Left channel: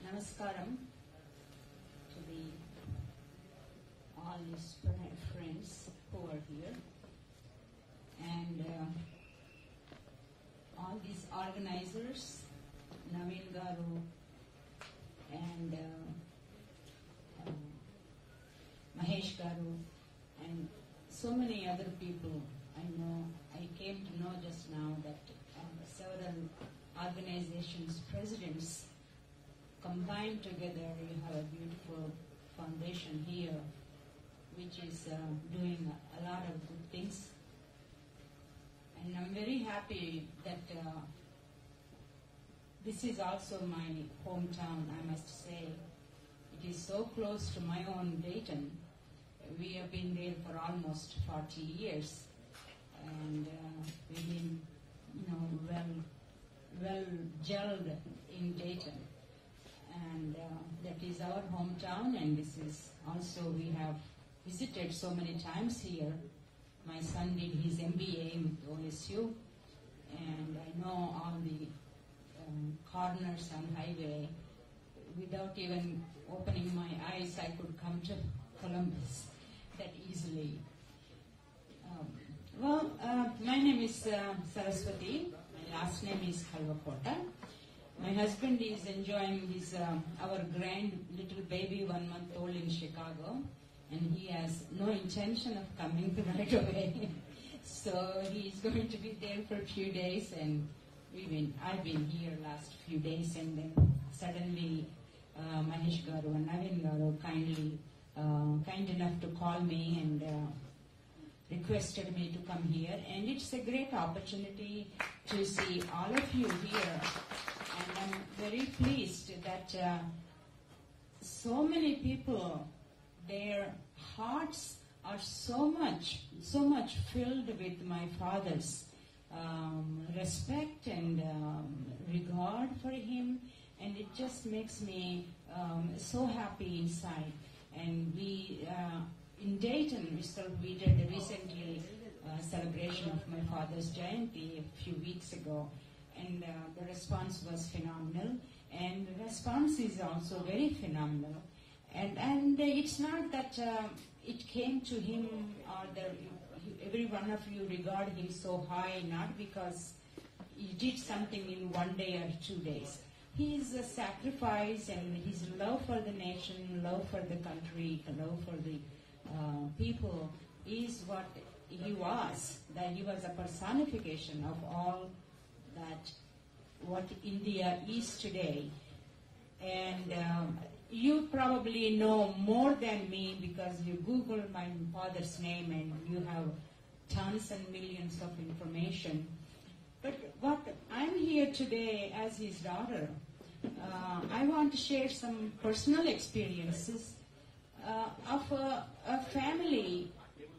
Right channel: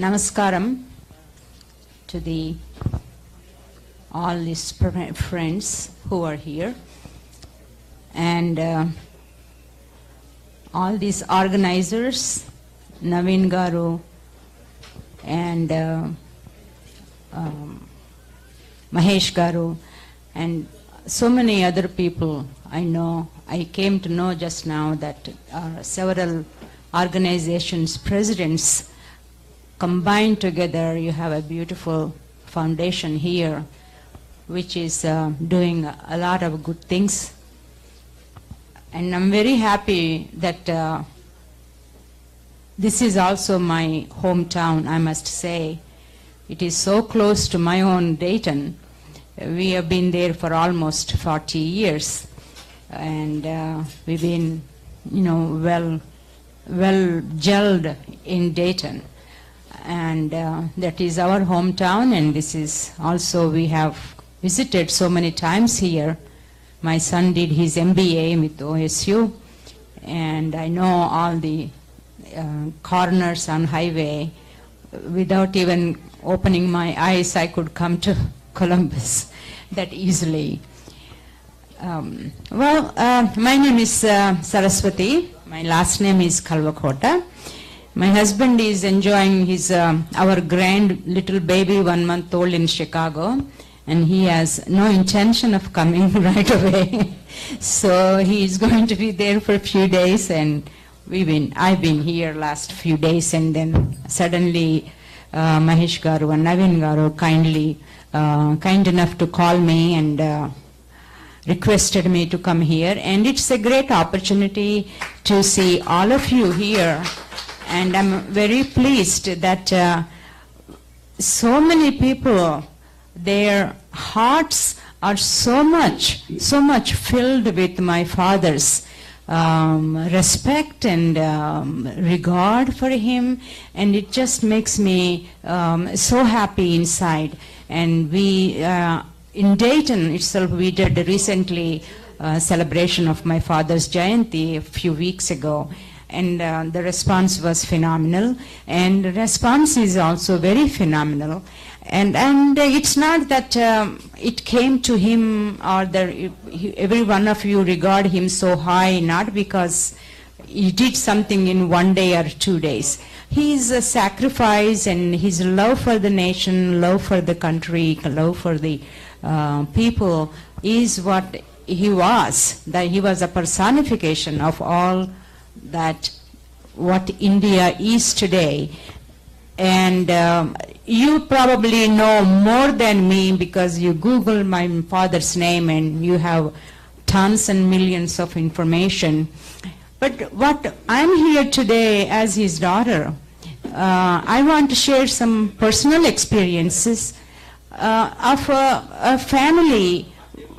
Namaskaram to all these friends who are here, and all these organizers, Naveen Garu and Mahesh Garu, and so many other people I know. I came to know just now that several organizations' presidents combined together, you have a beautiful foundation here, which is doing a lot of good things. And I'm very happy that this is also my hometown, I must say. It is so close to my own Dayton. We have been there for almost 40 years. And we've been, well gelled in Dayton. And that is our hometown, and this is also, we have visited so many times here. My son did his MBA with OSU, and I know all the corners on highway. Without even opening my eyes, I could come to Columbus that easily. My name is Saraswati. My last name is Kalvakota. My husband is enjoying his our grand little baby, 1 month old, in Chicago, and he has no intention of coming right away. So he is going to be there for a few days, and I've been here last few days, and then suddenly Mahesh Garu and Naveen Garu kind enough to call me and requested me to come here, and it's a great opportunity to see all of you here. And I'm very pleased that so many people, their hearts are so much filled with my father's respect and regard for him, and it just makes me so happy inside. And we, in Dayton itself, we did recently a celebration of my father's Jayanti a few weeks ago. And the response was phenomenal, and the response is also very phenomenal. And it's not that it came to him, or every one of you regard him so high, not because he did something in 1 day or 2 days. His sacrifice and his love for the nation, love for the country, love for the people is what he was. That he was a personification of all that what India is today. And you probably know more than me because you Google my father's name and you have tons and millions of information. But what I'm here today as his daughter, I want to share some personal experiences of a family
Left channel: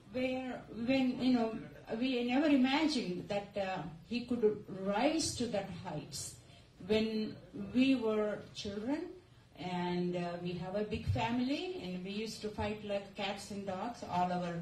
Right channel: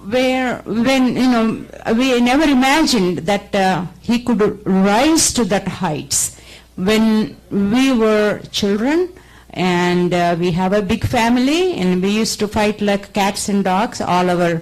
where, we never imagined that he could rise to that heights. When we were children, and we have a big family, and we used to fight like cats and dogs, all our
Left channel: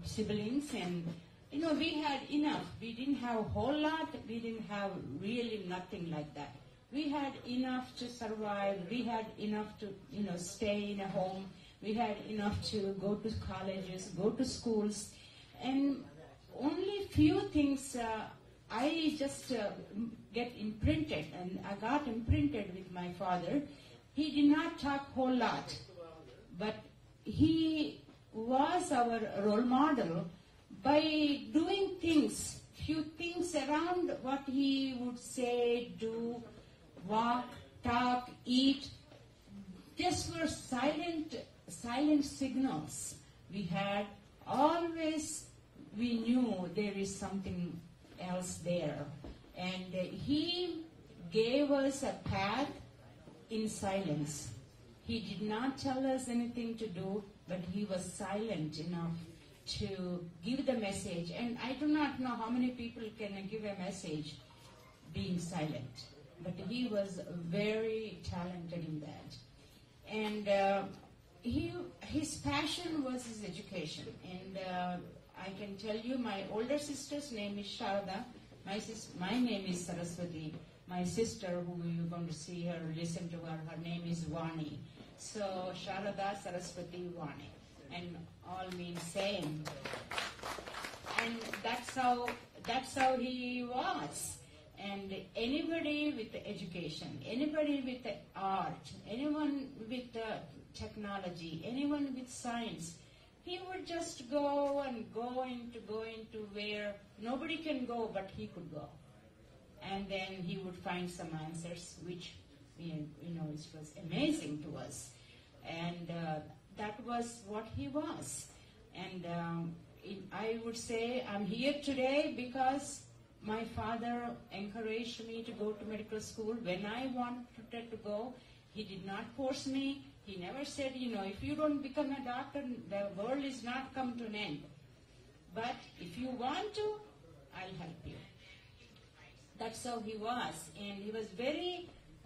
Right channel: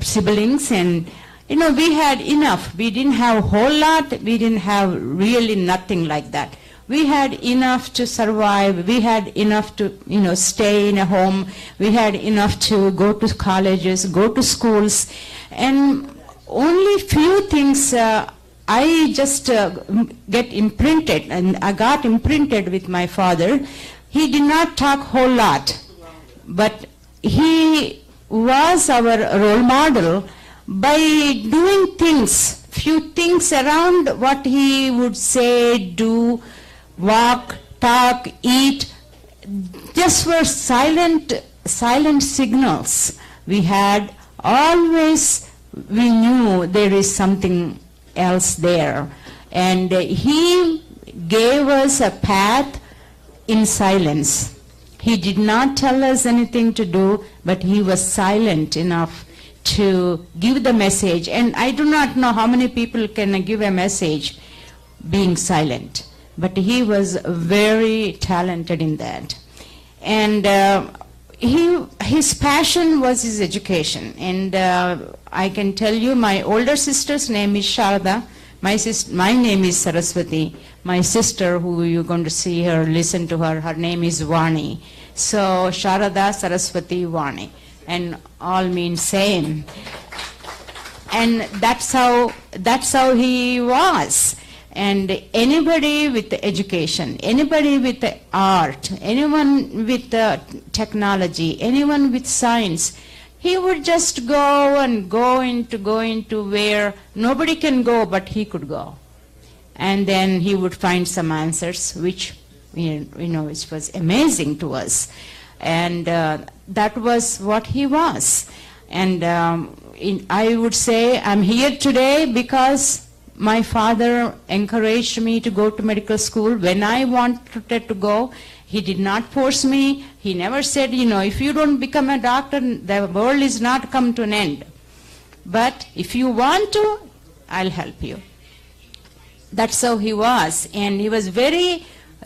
siblings, and we had enough. We didn't have a whole lot. We didn't have really nothing like that. We had enough to survive. We had enough to, stay in a home. We had enough to go to colleges, go to schools. And only few things I just get imprinted, and I got imprinted with my father. He did not talk a whole lot, but he was our role model by doing things, few things around what he would say, do, walk, talk, eat. Just were silent signals. We had always, we knew there is something else there. And he gave us a path in silence. He did not tell us anything to do, but he was silent enough to give the message. And I do not know how many people can give a message being silent. But he was very talented in that. And his passion was his education. And I can tell you, my older sister's name is Sharda. My name is Saraswati. my sister, who you're going to see her, listen to her, her name is Vani. So Sharada Saraswati Vani, and all mean same. And that's how he was. And anybody with education, anybody with art, anyone with technology, anyone with science, he would just go into where nobody can go, but he could go. And then he would find some answers, which, which was amazing to us. And that was what he was. And I would say I'm here today because my father encouraged me to go to medical school when I wanted to go. He did not force me. He never said, if you don't become a doctor, the world is not come to an end. But if you want to, I'll help you. That's how he was. And he was very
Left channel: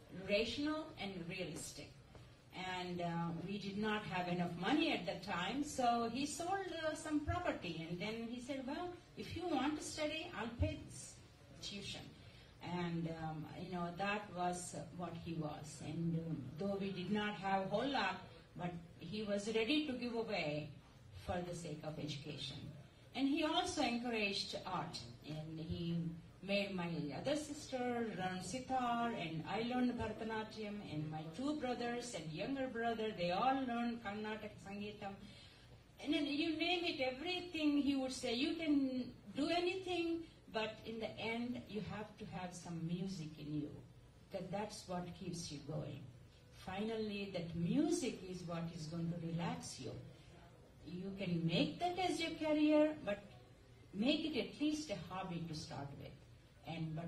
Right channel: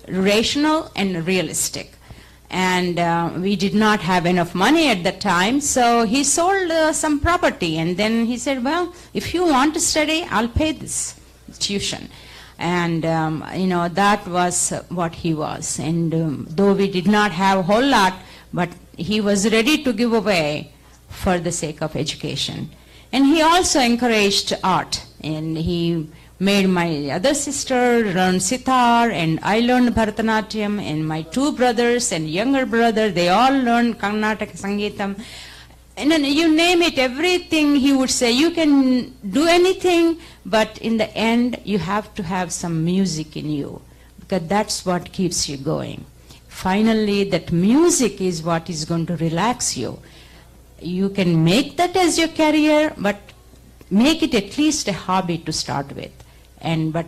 rational and realistic. And we did not have enough money at that time, so he sold some property. And then he said, well, if you want to study, I'll pay this tuition. And, that was what he was. And though we did not have a whole lot, but he was ready to give away for the sake of education. And he also encouraged art. And he made my other sister learn sitar, and I learned Bharatanatyam, and my two brothers and younger brother, they all learned Karnataka Sangeetam. And then you name it, everything he would say, you can do anything, but in the end, you have to have some music in you, because that's what keeps you going. Finally, that music is what is going to relax you. You can make that as your career, but make it at least a hobby to start with, but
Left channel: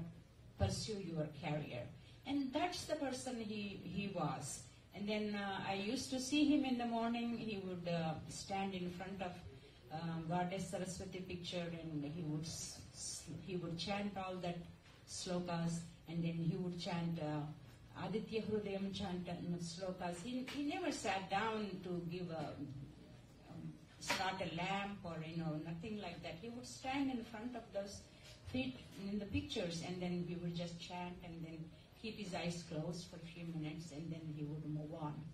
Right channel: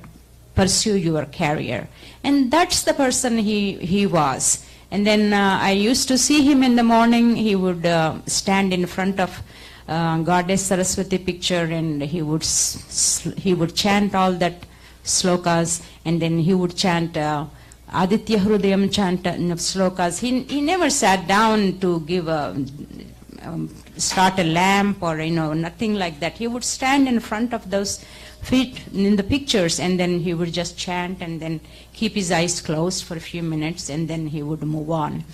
pursue your career. And that's the person he was. And then I used to see him in the morning. He would stand in front of Goddess Saraswati picture, and he would chant all that slokas, and then he would chant Aditya Hrudayam chant slokas. He never sat down to give start a lamp or nothing like that. He would stand in front of those feet in the pictures, and then he would just chant and then keep his eyes closed for a few minutes, and then he would move on.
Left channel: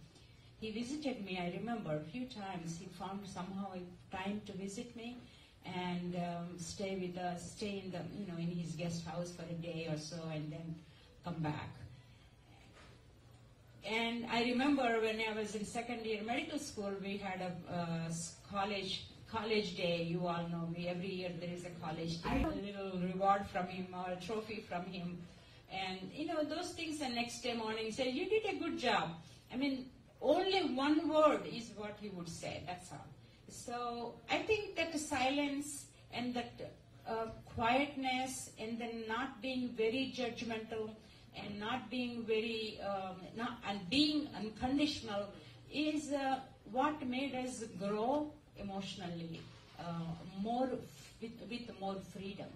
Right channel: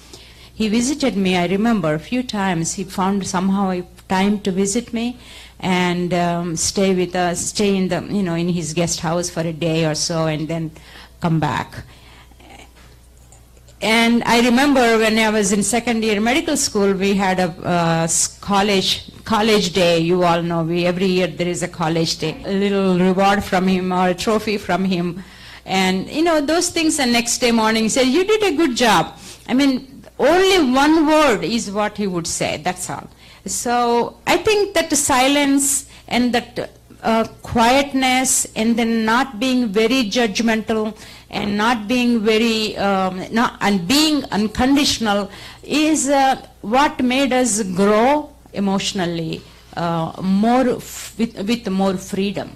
He visited me, I remember, a few times. He found somehow a time to visit me and stay with us, stay in the in his guest house for a day or so, and then come back. And I remember when I was in second year medical school, we had a college day. You all know, every year there is a college day. A little reward from him or a trophy from him. And those things, the next day morning he said, you did a good job. I mean, only one word is what he would say, that's all. So I think that the silence and that quietness, and then not being very judgmental and not being very, and being unconditional is what made us grow emotionally with more freedom.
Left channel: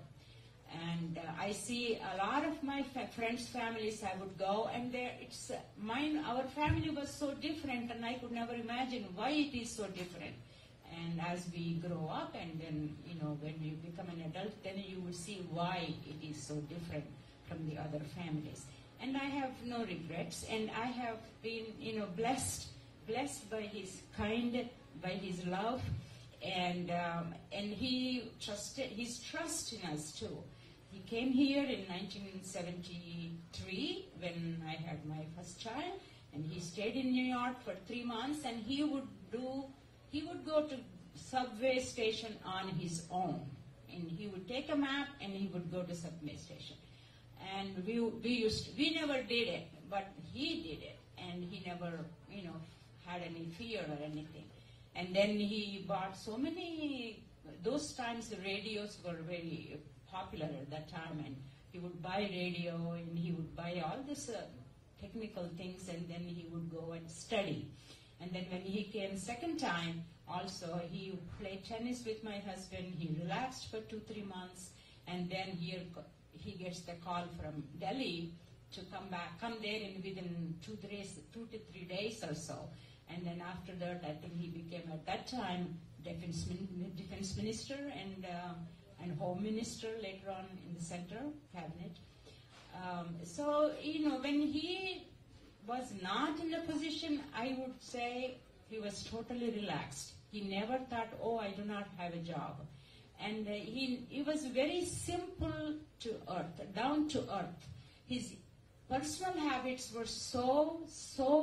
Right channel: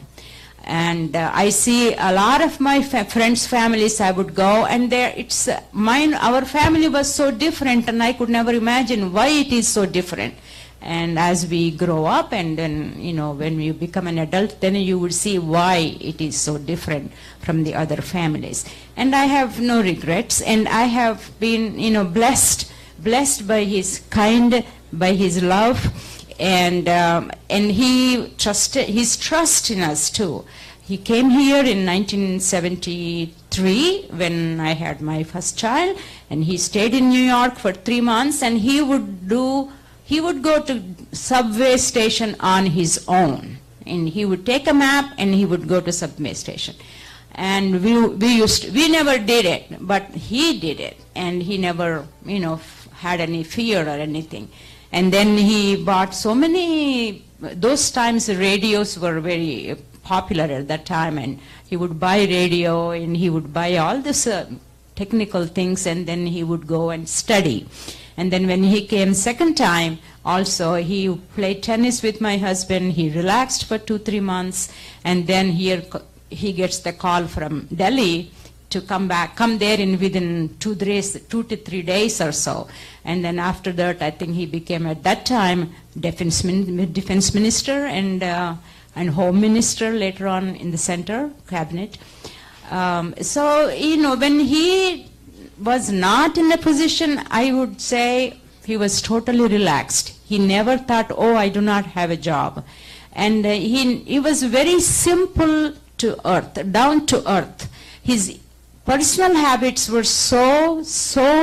And I see a lot of my friends' families, I would go, and our family was so different, and I could never imagine why it is so different. And as we grow up, and then, when you become an adult, then you would see why it is so different from the other families. And I have no regrets, and I have been, blessed by his by his love, and his trust in us too. He came here in 1973 when I had my first child, and he stayed in New York for 3 months, and he would go to subway station on his own, and he would take a map and he would go to subway station. And we never did it, but he did it, and he never, had any fear or anything. And then he bought so many, those times radios were very popular at that time, and he would buy radio, and he would buy all this technical things, and then he would go and study. And then when he came second time, also he played tennis with my husband. He relaxed for 2-3 months, and then he gets the call from Delhi to come there within 2 to 3 days or so. And then after that, I think he became at that time defense minister and Home Minister later on in the center cabinet. So, when he was not in a position, I would say he was totally relaxed. He never thought, oh, I do not have a job. And he was very simple to earth, down to earth. His personal habits were so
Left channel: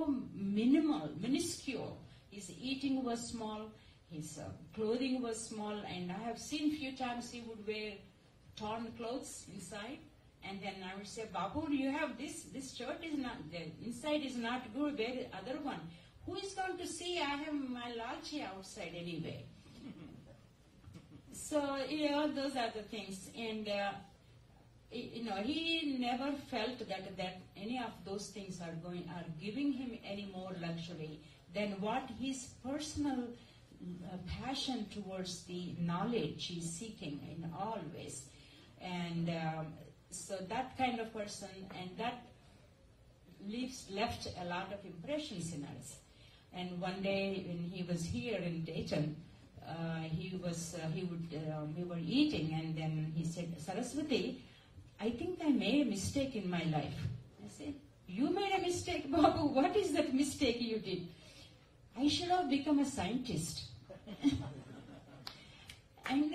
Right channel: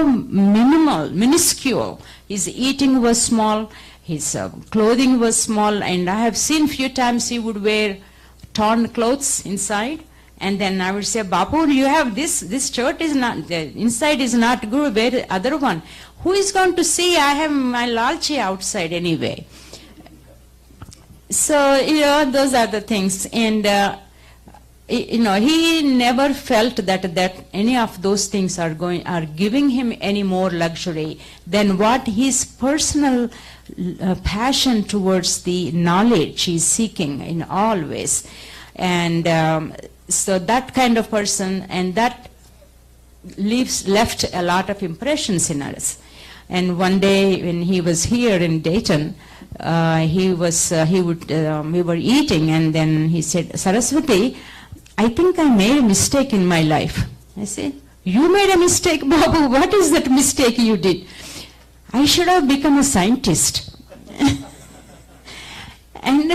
minimal, minuscule. His eating was small, his clothing was small, and I have seen few times he would wear torn clothes inside. And then I would say, Bapu, you have this shirt is not, the inside is not good, wear the other one. Who is going to see? I have my lalchi outside anyway. So, those are the things. And, he never felt that any of those things are giving him any more luxury than what his personal passion towards the knowledge he's seeking in all ways. And so that kind of person, and that left a lot of impressions in us. And one day when he was here in Dayton, we were eating, and then he said, Saraswati, I think I made a mistake in my life. I said, you made a mistake, Babu? What is that mistake you did? I should have become a scientist. And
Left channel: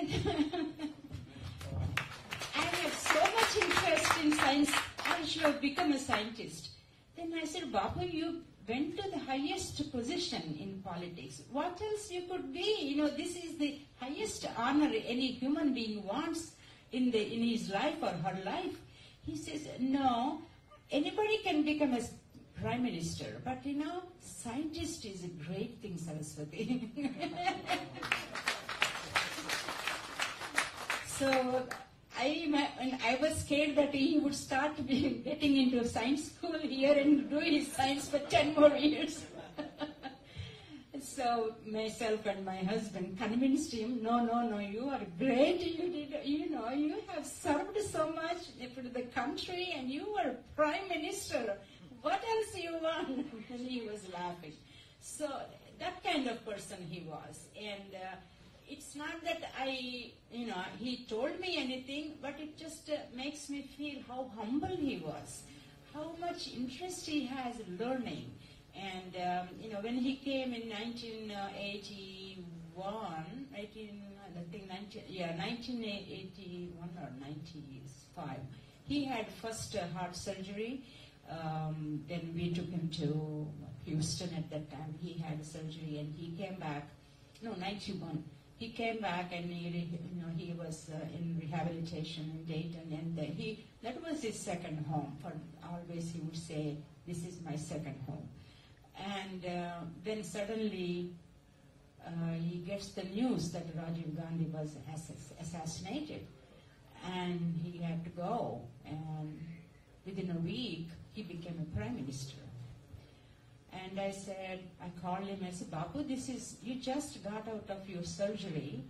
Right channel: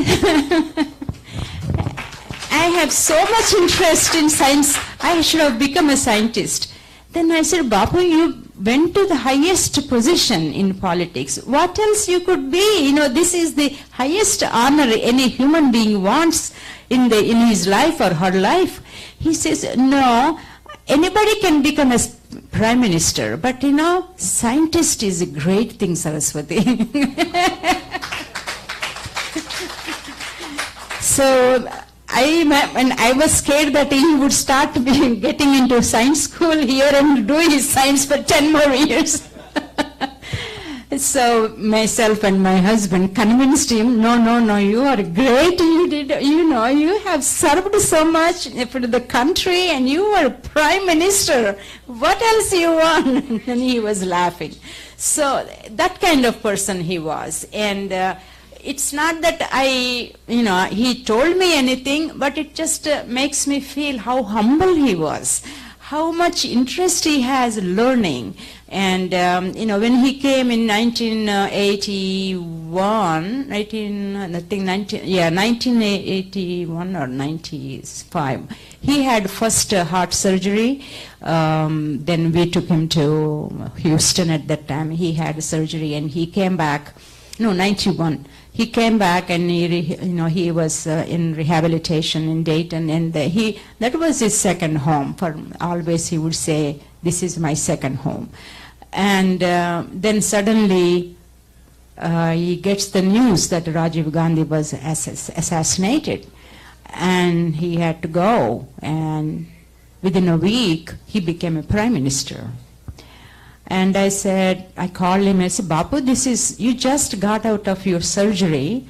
I have so much interest in science, I should have become a scientist. Then I said, Babu, you went to the highest position in politics. What else you could be? This is the highest honor any human being wants in his life or her life. He says, no, anybody can become a prime minister, but scientist is a great thing, Saraswati. So I was scared that he would start getting into science school here and do his science for 10 more years. So myself and my husband convinced him, no, you are great. You have served so much for the country, and you are prime minister. What else you want? And he was laughing. So that kind of person he was. And it's not that he told me anything, but it just makes me feel how humble he was, how much interest he has learning. And, when he came in 1981 or 95, he had first heart surgery. Then we took him to Houston at that time. He had surgery, and he came back, 91. He came back, and he was in rehabilitation in Dayton, and that was his second home. For always he would say, this is my second home. And then suddenly he gets the news that Rajiv Gandhi was assassinated, and he had to go. And within a week, he became a prime minister. And I called him, I said, Bapu, you just got out of your surgery,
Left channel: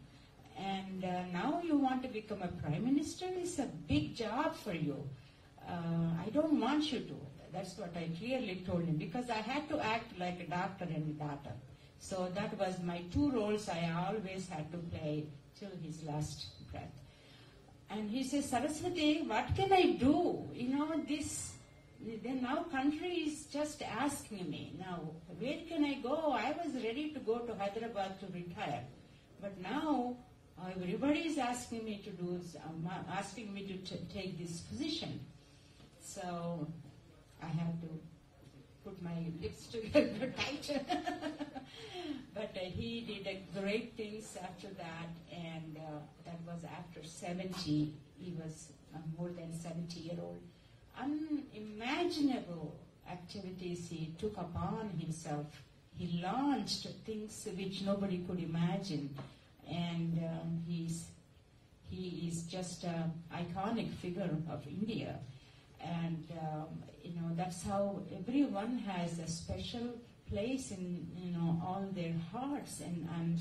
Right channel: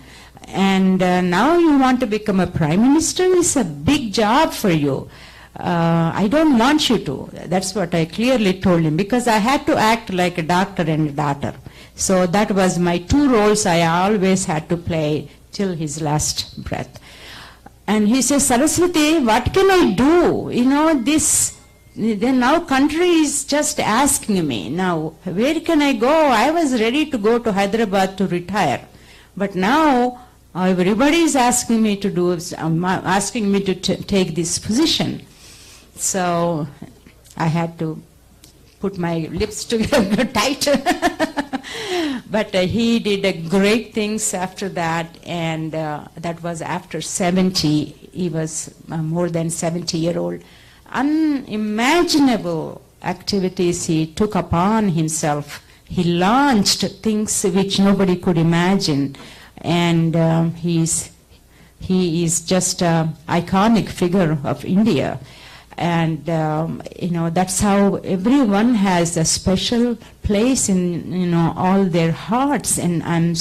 and now you want to become a prime minister? It's a big job for you. I don't want you to. That's what I clearly told him, because I had to act like a doctor and a daughter. So that was my two roles I always had to play till his last breath. And he says, Saraswati, what can I do? Then now country is just asking me, now where can I go? I was ready to go to Hyderabad to retire. But now everybody is asking me to take this position. So I had to put my lips together tight. But he did great things after that, and that was after 70. He was more than 70-year-old. Unimaginable activities he took upon himself. He launched things which nobody could imagine, and he is just an iconic figure of India. And that's how everyone has a special place in all their hearts, and I'm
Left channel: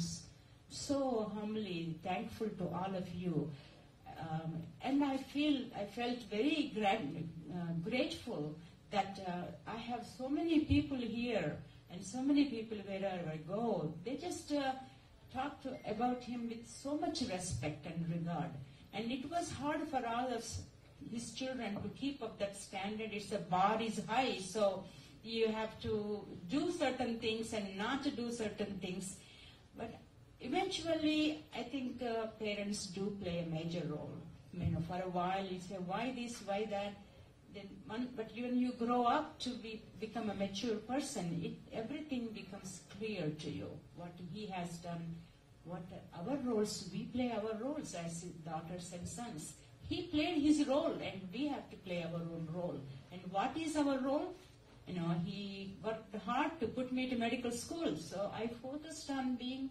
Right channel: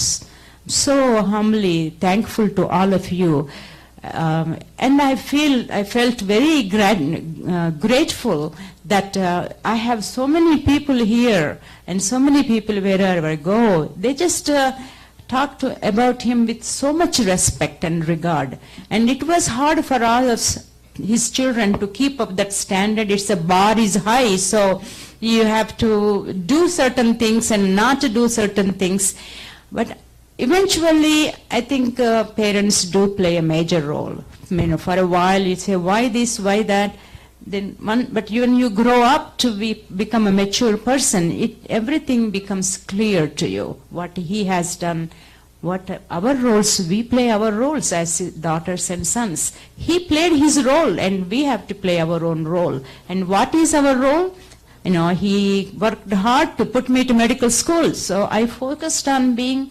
so humbly thankful to all of you. And I felt very grateful that I have so many people here, and so many people wherever I go, they just talk about him with so much respect and regard. And it was hard for all of us his children to keep up that standard. It's a bar is high, so you have to do certain things and not to do certain things. But eventually, I think parents do play a major role. For a while you say, why this, why that? But when you grow up to become a mature person, everything becomes clear to you. What he has done, what our roles, we play our roles as daughters and sons. He played his role, and we have to play our own role. And what is our role? He worked hard to put me to medical school, so I focused on being,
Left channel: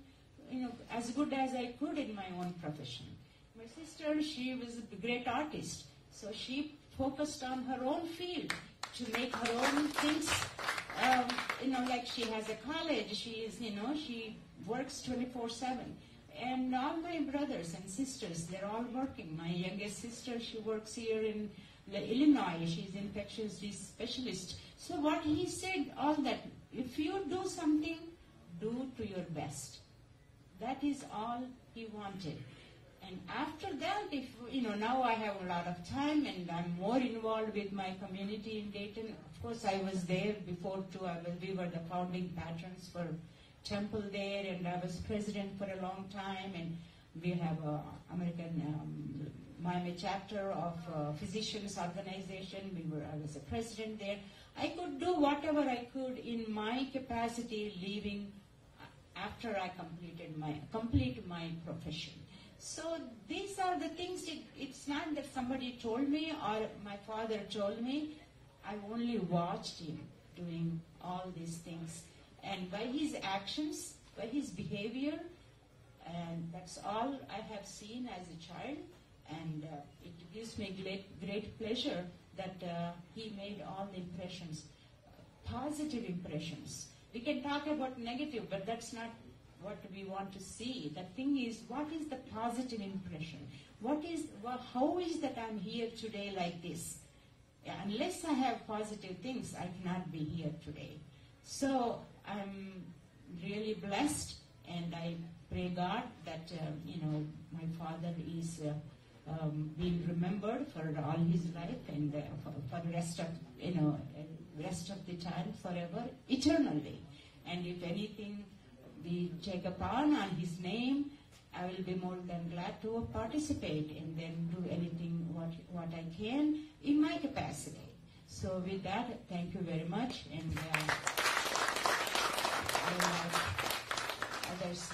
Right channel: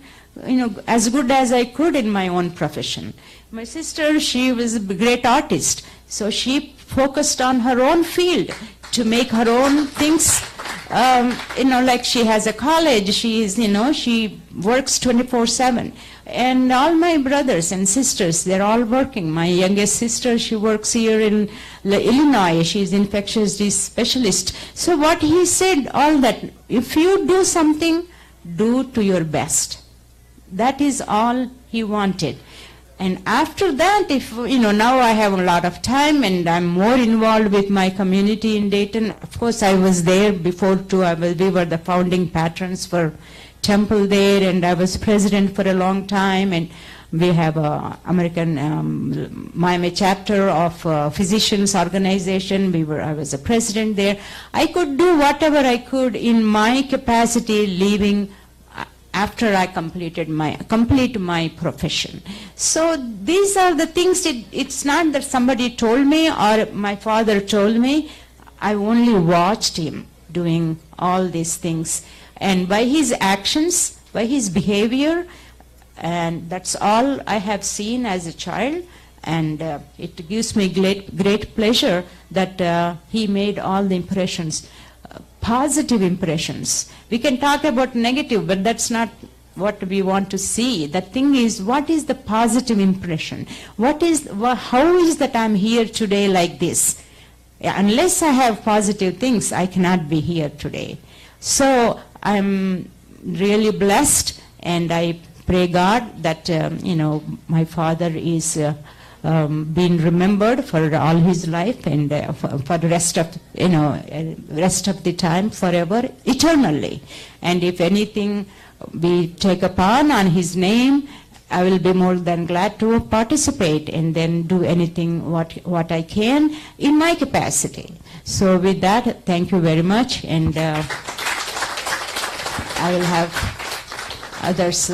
as good as I could in my own profession. My sister, she was a great artist, so she focused on her own field to make her own things. Like she has a college, she works 24/7. And all my brothers and sisters, they're all working. My youngest sister, she works here in Illinois. She's infectious disease specialist. So what he said, all that, if you do something, do to your best. That is all he wanted. And after that, now I have a lot of time and I'm more involved with my community in Dayton. Of course, I was there before too. We were the founding patrons for Temple there, and I was president for a long time. And we have a American Miami chapter of physicians organization. I was a president there. I could do whatever I could in my capacity, leaving after I complete my profession. So these are the things. It's not that somebody told me or my father told me. I only watched him doing all these things, and by his actions, by his behavior, and that's all I have seen as a child. And it gives me great pleasure that he made all the impressions, positive impressions. We can talk about negative, but that's not what we want to see. The thing is, what is the positive impression? How is that I'm here today like this? Unless I have positive things, I cannot be here today. So I'm really blessed, and I pray God that my father is being remembered for all his life, and for the rest of the time, forever, eternally. And if anything we take upon on his name, I will be more than glad to participate and then do anything what I can in my capacity. So with that, thank you very much, and I will have others